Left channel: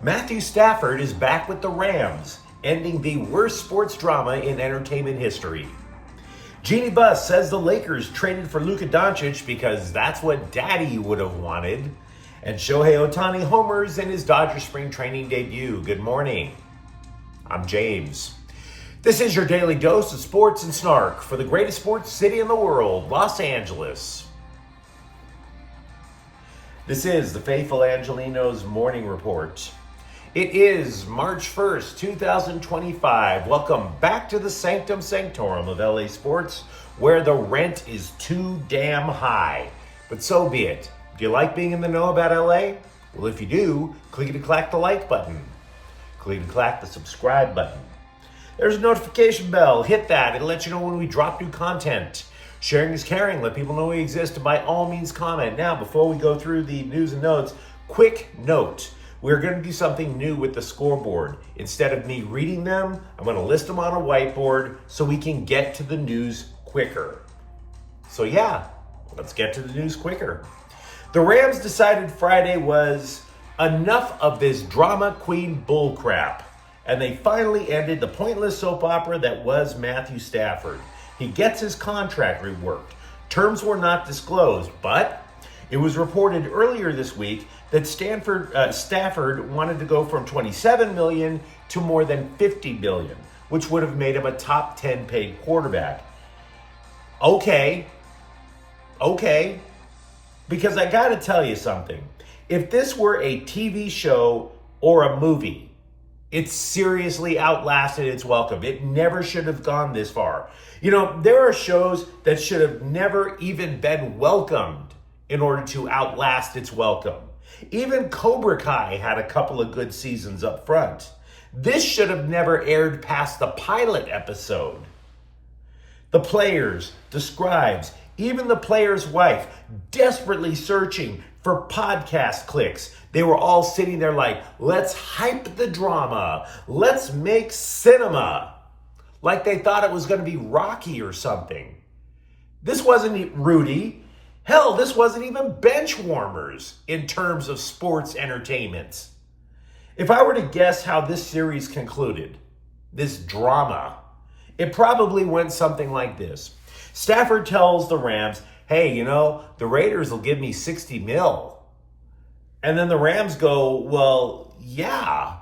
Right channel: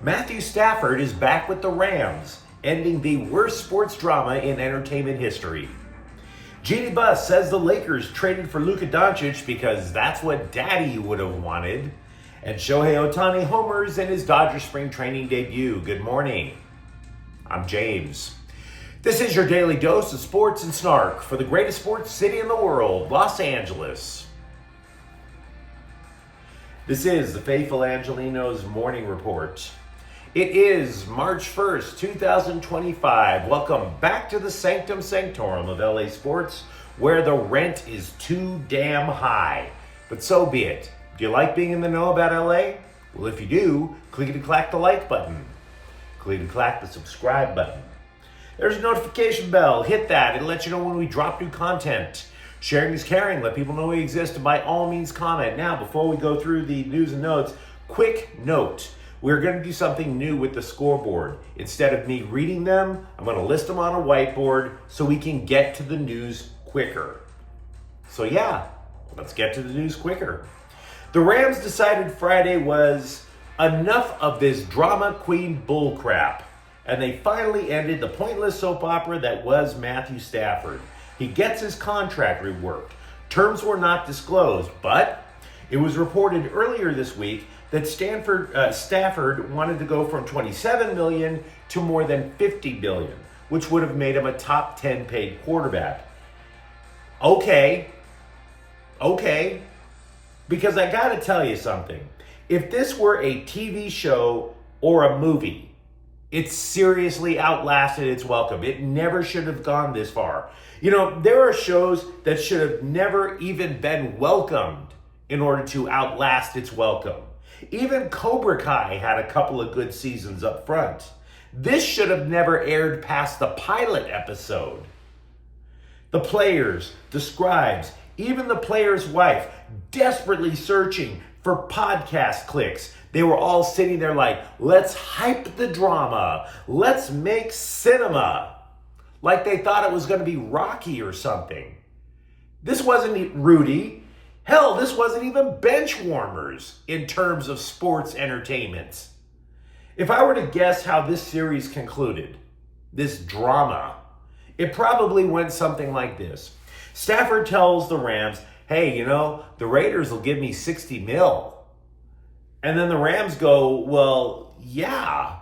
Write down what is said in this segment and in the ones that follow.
Matthew Stafford is back with the Rams, ending the worst sports drama in entertainment history. Jeannie Buss says the Lakers traded for Luka Doncic because that's what Daddy would have wanted. And Shohei Ohtani homers in his Dodger spring training debut. Good morning. I'm James. This is your daily dose of sports and snark for the greatest sports city in the world, Los Angeles. This is the faithful Angelenos morning report. It is March 1st, 2025. Welcome back to the Sanctum Sanctorum of LA sports, where the rent is too damn high. But so be it. Do you like being in the know about LA? Well, if you do, clickety-clack the like button. Clickety-clack the subscribe button. There's a notification bell. Hit that. It'll let you know when we drop new content. Sharing is caring. Let people know we exist, and by all means comment. Now, before we go through the news and notes, quick note. We're going to do something new with the scoreboard. Instead of me reading them, I'm going to list them on a whiteboard so we can get to the news quicker. So yeah, let's get to the news quicker. The Rams decided Friday was enough of this drama queen bullcrap, and they finally ended the pointless soap opera that was Matthew Stafford. He gets his contract reworked. Terms were not disclosed, but it was reported earlier this week that Stafford wanted to go from $27 million to more than $50 million, which would have made him a top 10 paid quarterback. Okay. Because I got to tell you something. If this were a TV show or a movie, it seriously outlasted its welcome. It never should have gone this far. You know, there are shows that should have never even been welcomed in order to outlast its welcome. Even Cobra Kai had a couple of good seasons up front. This should have never aired past the pilot episode. The players, the scribes, even the player's wife, desperately searching for podcast clicks. They were all sitting there like, let's hype the drama. Let's make cinema. Like they thought it was going to be Rocky or something. This wasn't Rudy. Hell, this wasn't even bench warmers in terms of sports entertainment. If I were to guess how this series concluded, this drama, it probably went something like this. Stafford tells the Rams, hey, the Raiders will give me 60 mil. And then the Rams go, well, yeah,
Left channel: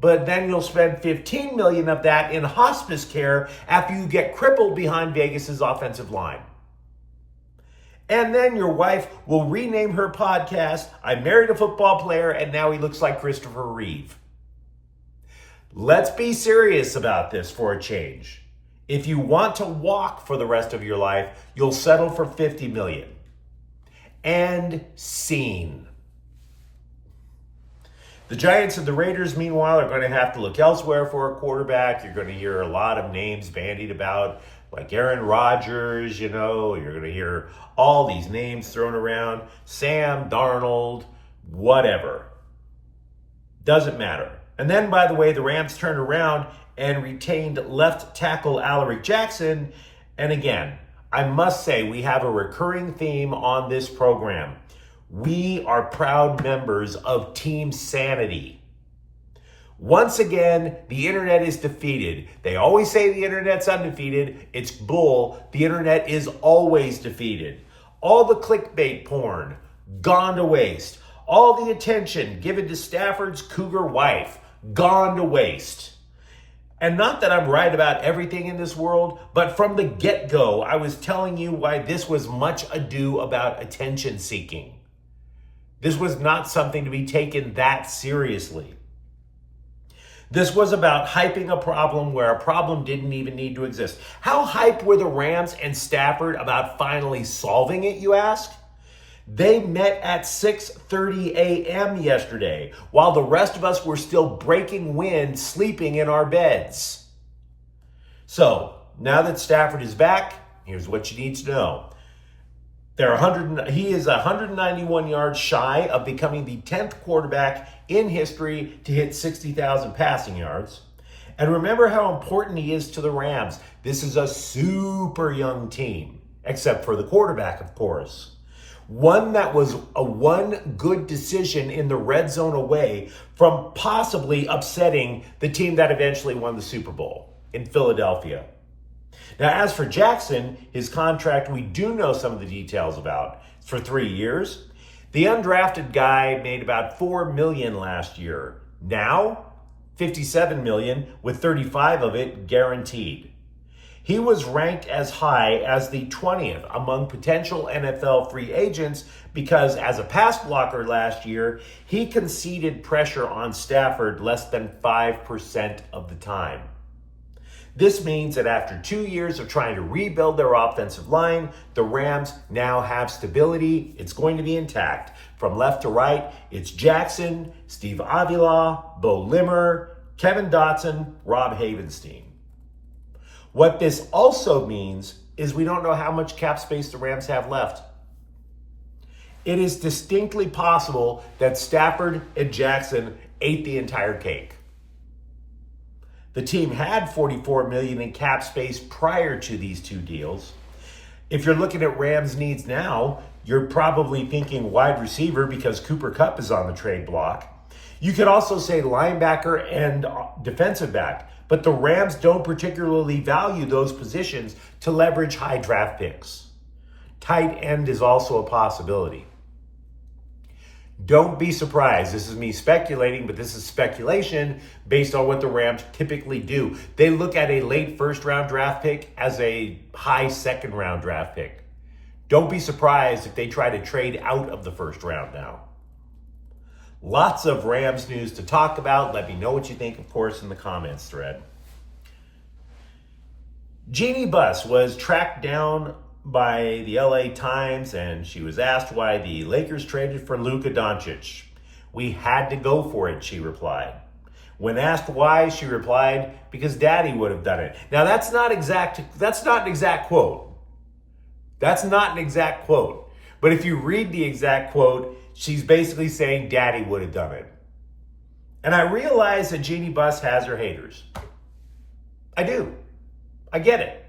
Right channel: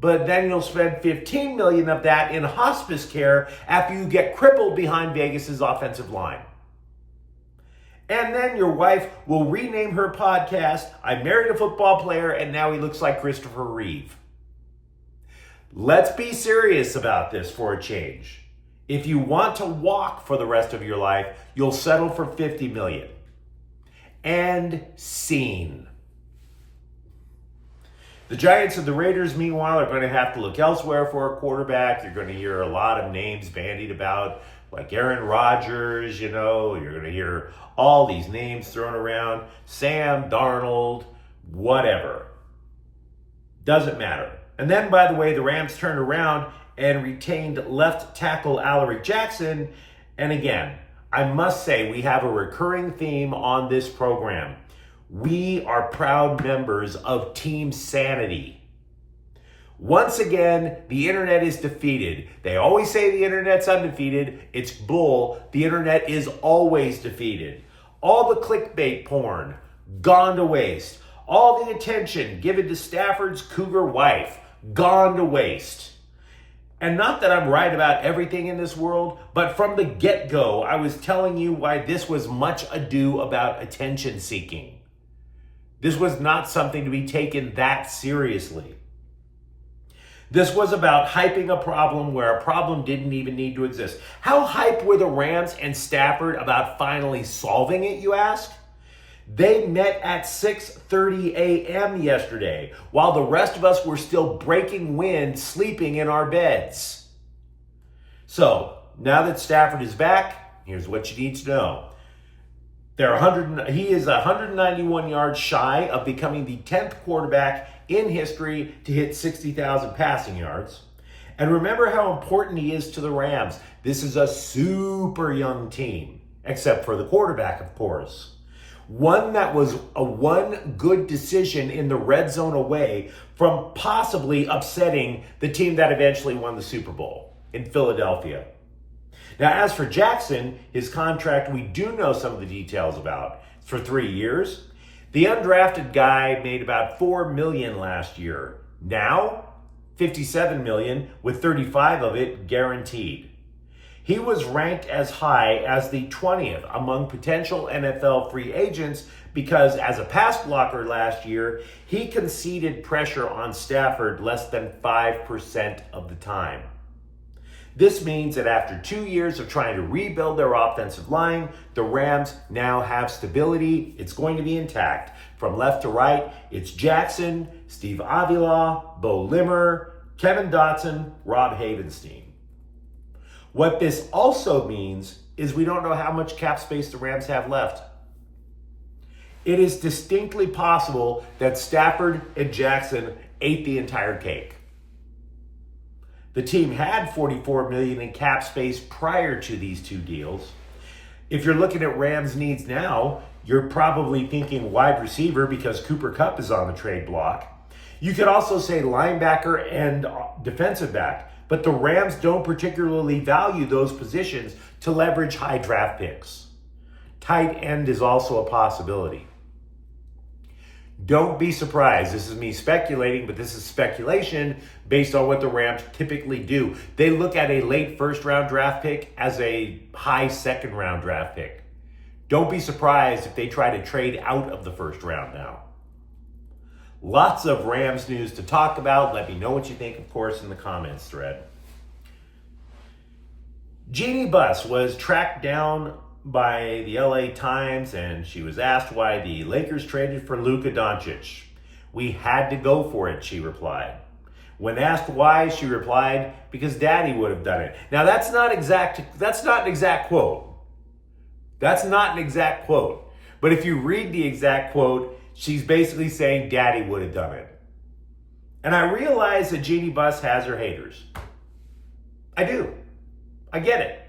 but then you'll spend 15 million of that in hospice care after you get crippled behind Vegas's offensive line. And then your wife will rename her podcast, I Married a Football Player, and now he looks like Christopher Reeve. Let's be serious about this for a change. If you want to walk for the rest of your life, you'll settle for 50 million. And scene. The Giants and the Raiders, meanwhile, are going to have to look elsewhere for a quarterback. You're going to hear a lot of names bandied about, like Aaron Rodgers, you're going to hear all these names thrown around. Sam Darnold, whatever. Doesn't matter. And then, by the way, the Rams turned around and retained left tackle Alaric Jackson. And again, I must say we have a recurring theme on this program. We are proud members of Team Sanity. Once again, the internet is defeated. They always say the internet's undefeated. It's bull. The internet is always defeated. All the clickbait porn, gone to waste. All the attention given to Stafford's cougar wife, gone to waste. And not that I'm right about everything in this world, but from the get-go, I was telling you why this was much ado about attention seeking. This was not something to be taken that seriously. This was about hyping a problem where a problem didn't even need to exist. How hyped were the Rams and Stafford about finally solving it, you ask? They met at 6:30 a.m. yesterday, while the rest of us were still breaking wind, sleeping in our beds. So, now that Stafford is back, here's what you need to know. He is 191 yards shy of becoming the 10th quarterback in history to hit 60,000 passing yards. And remember how important he is to the Rams. This is a super young team, except for the quarterback, of course. One that was a one good decision in the red zone away from possibly upsetting the team that eventually won the Super Bowl in Philadelphia. Now, as for Jackson, his contract, we do know some of the details about. It's for 3 years. The undrafted guy made about $4 million last year. Now, $57 million, with 35 of it guaranteed. He was ranked as high as the 20th among potential NFL free agents because as a pass blocker last year, he conceded pressure on Stafford less than 5% of the time. This means that after 2 years of trying to rebuild their offensive line, the Rams now have stability. It's going to be intact. From left to right, it's Jackson, Steve Avila, Bo Limmer, Kevin Dotson, Rob Havenstein. What this also means is we don't know how much cap space the Rams have left. It is distinctly possible that Stafford and Jackson ate the entire cake. The team had $44 million in cap space prior to these two deals. If you're looking at Rams needs now, you're probably thinking wide receiver because Cooper Kupp is on the trade block. You could also say linebacker and defensive back, but the Rams don't particularly value those positions to leverage high draft picks. Tight end is also a possibility. Don't be surprised. This is me speculating, but this is speculation based on what the Rams typically do. They look at a late first-round draft pick as a high second-round draft pick. Don't be surprised if they try to trade out of the first round now. Lots of Rams news to talk about. Let me know what you think, of course, in the comments thread. Jeannie Buss was tracked down by the LA Times, and she was asked why the Lakers traded for Luka Doncic. "We had to go for it," she replied. When asked why, she replied, "Because Daddy would have done it." Now, that's not an exact quote. That's not an exact quote. But if you read the exact quote, she's basically saying Daddy would have done it. And I realize that Jeannie Buss has her haters. I do. I get it.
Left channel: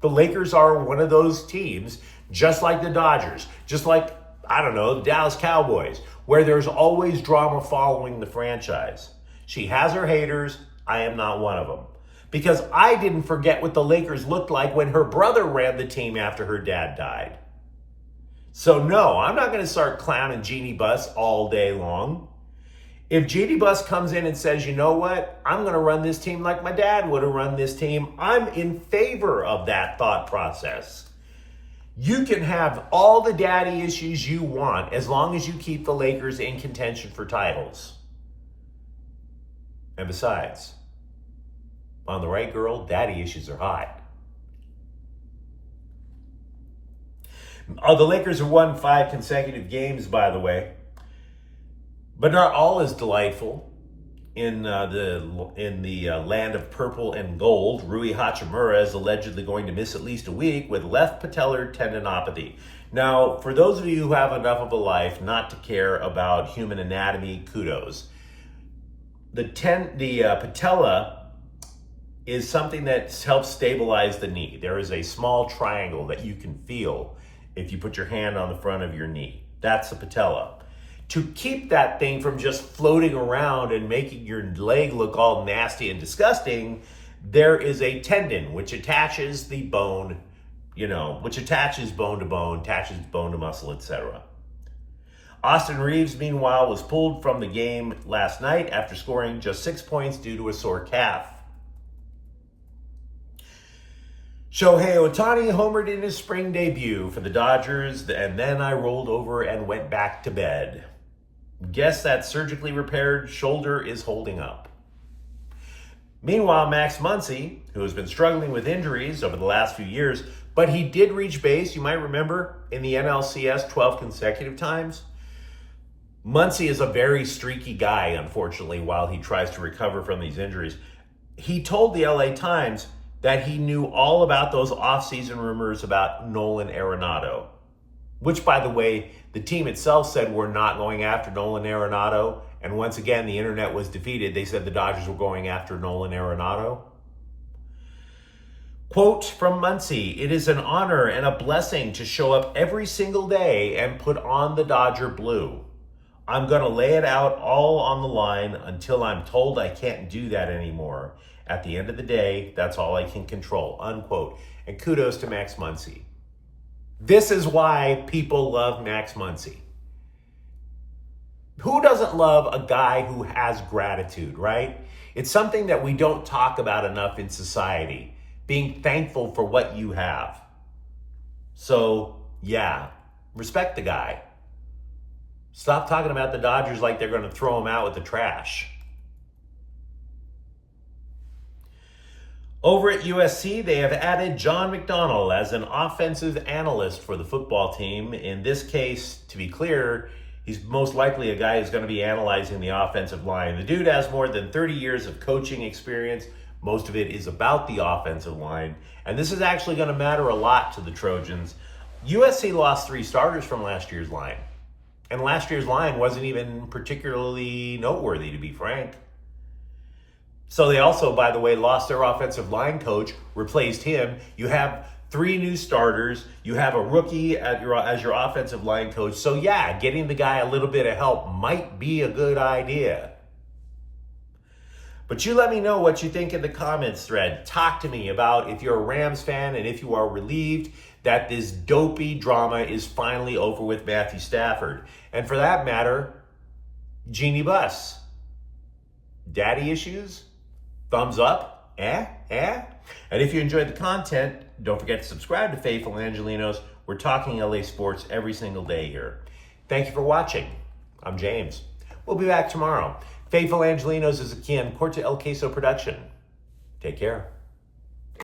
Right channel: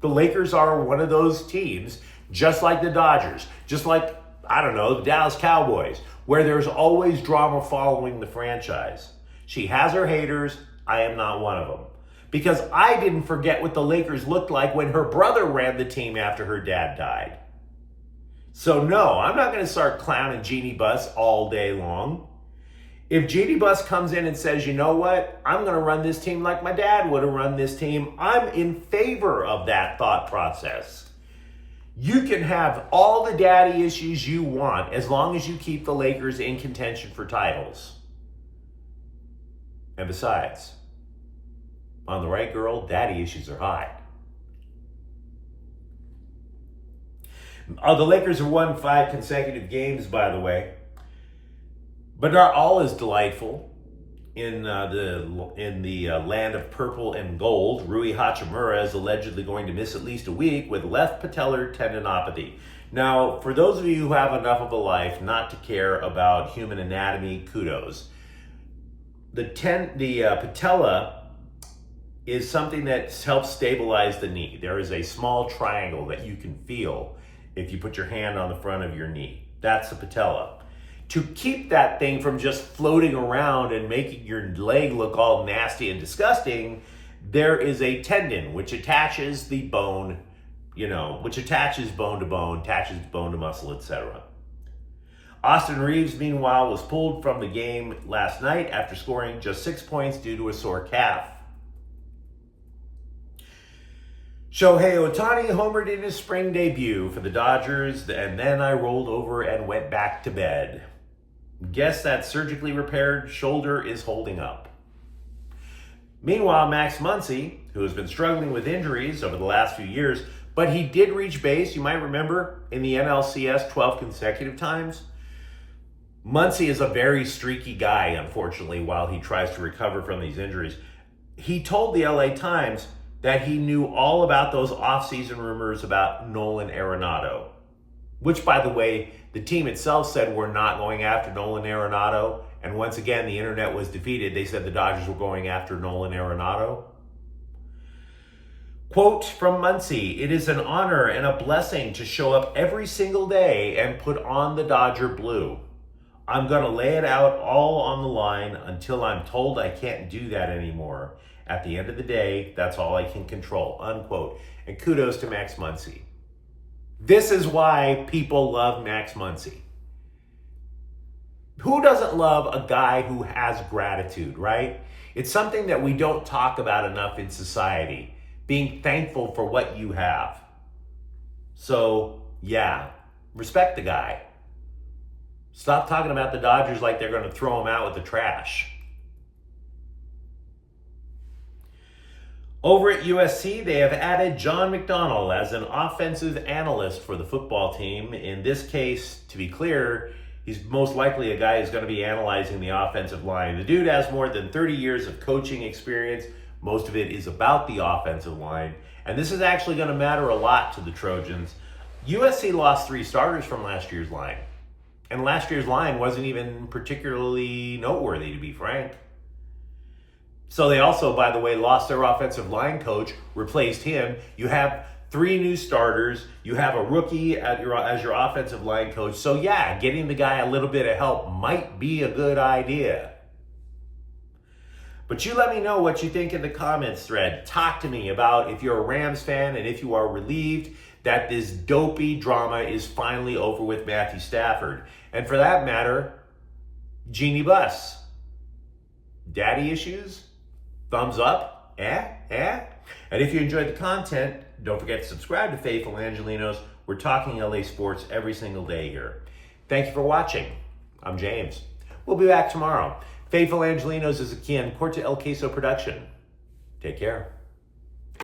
The Lakers are one of those teams, just like the Dodgers, just like, I don't know, the Dallas Cowboys, where there's always drama following the franchise. She has her haters. I am not one of them. Because I didn't forget what the Lakers looked like when her brother ran the team after her dad died. So no, I'm not going to start clowning Jeannie Buss all day long. If Jeannie Buss comes in and says, you know what, I'm going to run this team like my dad would have run this team, I'm in favor of that thought process. You can have all the daddy issues you want as long as you keep the Lakers in contention for titles. And besides, on the right girl, daddy issues are hot. The Lakers have won 5 consecutive games, by the way. But not all is delightful. In the land of purple and gold, Rui Hachimura is allegedly going to miss at least a week with left patellar tendinopathy. Now, for those of you who have enough of a life not to care about human anatomy, kudos. The patella is something that helps stabilize the knee. There is a small triangle that you can feel if you put your hand on the front of your knee. That's the patella. To keep that thing from just floating around and making your leg look all nasty and disgusting, there is a tendon which attaches the bone, which attaches bone to bone, attaches bone to muscle, etc. Austin Reeves, meanwhile, was pulled from the game last night after scoring just 6 points due to a sore calf. Shohei Ohtani homered in his spring debut for the Dodgers, and then I rolled over and went back to bed. Guess that surgically repaired shoulder is holding up. Meanwhile, Max Muncy, who has been struggling with injuries over the last few years, but he did reach base, you might remember, in the NLCS 12 consecutive times. Muncy is a very streaky guy, unfortunately, while he tries to recover from these injuries. He told the LA Times that he knew all about those offseason rumors about Nolan Arenado, which, by the way, the team itself said we're not going after Nolan Arenado. And once again, the internet was defeated. They said the Dodgers were going after Nolan Arenado. Quote from Muncie, "It is an honor and a blessing to show up every single day and put on the Dodger blue. I'm going to lay it out all on the line until I'm told I can't do that anymore. At the end of the day, that's all I can control," unquote. And kudos to Max Muncy. This is why people love Max Muncy. Who doesn't love a guy who has gratitude, right? It's something that we don't talk about enough in society, being thankful for what you have. So, yeah, respect the guy. Stop talking about the Dodgers like they're going to throw him out with the trash. Over at USC, they have added John McDonnell as an offensive analyst for the football team. In this case, to be clear, he's most likely a guy who's going to be analyzing the offensive line. The dude has more than 30 years of coaching experience. Most of it is about the offensive line. And this is actually going to matter a lot to the Trojans. USC lost 3 starters from last year's line. And last year's line wasn't even particularly noteworthy, to be frank. So they also, by the way, lost their offensive line coach, replaced him. You have 3 new starters. You have a rookie as your offensive line coach. So yeah, getting the guy a little bit of help might be a good idea. But you let me know what you think in the comments thread. Talk to me about if you're a Rams fan and if you are relieved that this dopey drama is finally over with Matthew Stafford. And for that matter, Jeannie Buss. Daddy issues? Thumbs up? And if you enjoyed the content, don't forget to subscribe to Faithful Angelenos. We're talking LA sports every single day here. Thank you for watching. I'm James. We'll be back tomorrow. Faithful Angelenos is a Corte El Queso production. Take care.